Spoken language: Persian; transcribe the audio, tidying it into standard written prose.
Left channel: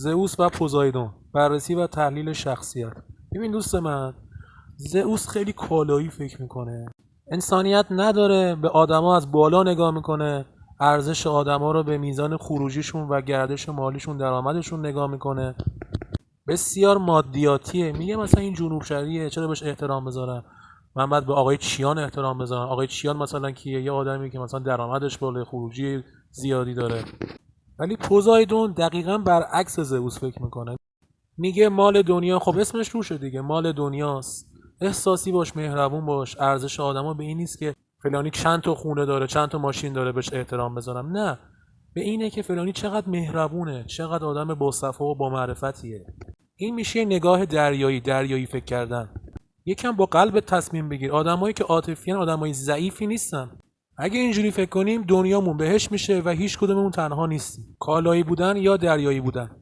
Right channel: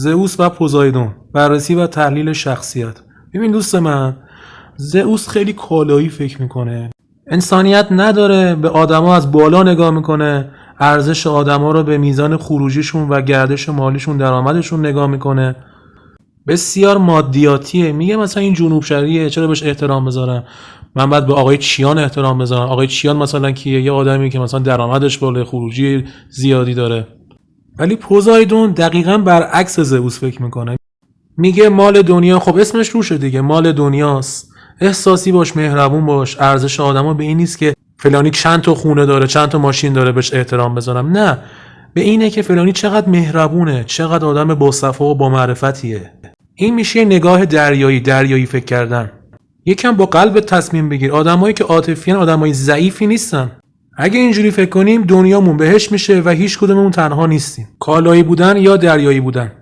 زئوس و پوزایدون، بررسی و تحلیل شخصیت. ببین دوست من، زئوس خیلی کالایی فکر میکنه، انسانیت نداره، به آدما از بالا نگاه میکنه، ارزش آدما رو به میزان خروجیشون و گردش مالیشون، درآمدشون نگاه میکنه. بسیار مادیاتیه. میگه مثلا این جنوب شرقیه، چرا بهش احترام بذارم؟ من باید به آقای چیان احترام بذارم. آقای چیان مثلا کیه؟ یه آدمی که مثلا درآمدش بالا، خروجی زیادی داره. ولی پوزایدون دقیقاً برعکس زئوس فکر میکنه. میگه مال دنیا، خب اسمش روشه دیگه، مال دنیاست. احساسی باش، مهربون باش. ارزش آدما به این نیست که فلانی چند تا خونه داره، چند تا ماشین داره بهش احترام بذارم. نه، به اینه که فلانی چقدر مهربونه، چقدر آدم با صفا و با معرفتیه. این میشه نگاه دریایی فکر کردن. یکم با قلب تصمیم بگیر. آدمایی که عاطفیان آدمای ضعیفی نیستن. اگه اینجوری فکر کنیم دنیامون بهش میشه و هیچ کدوممون تنها نیستیم. کالایی بودن یا دریایی بودن.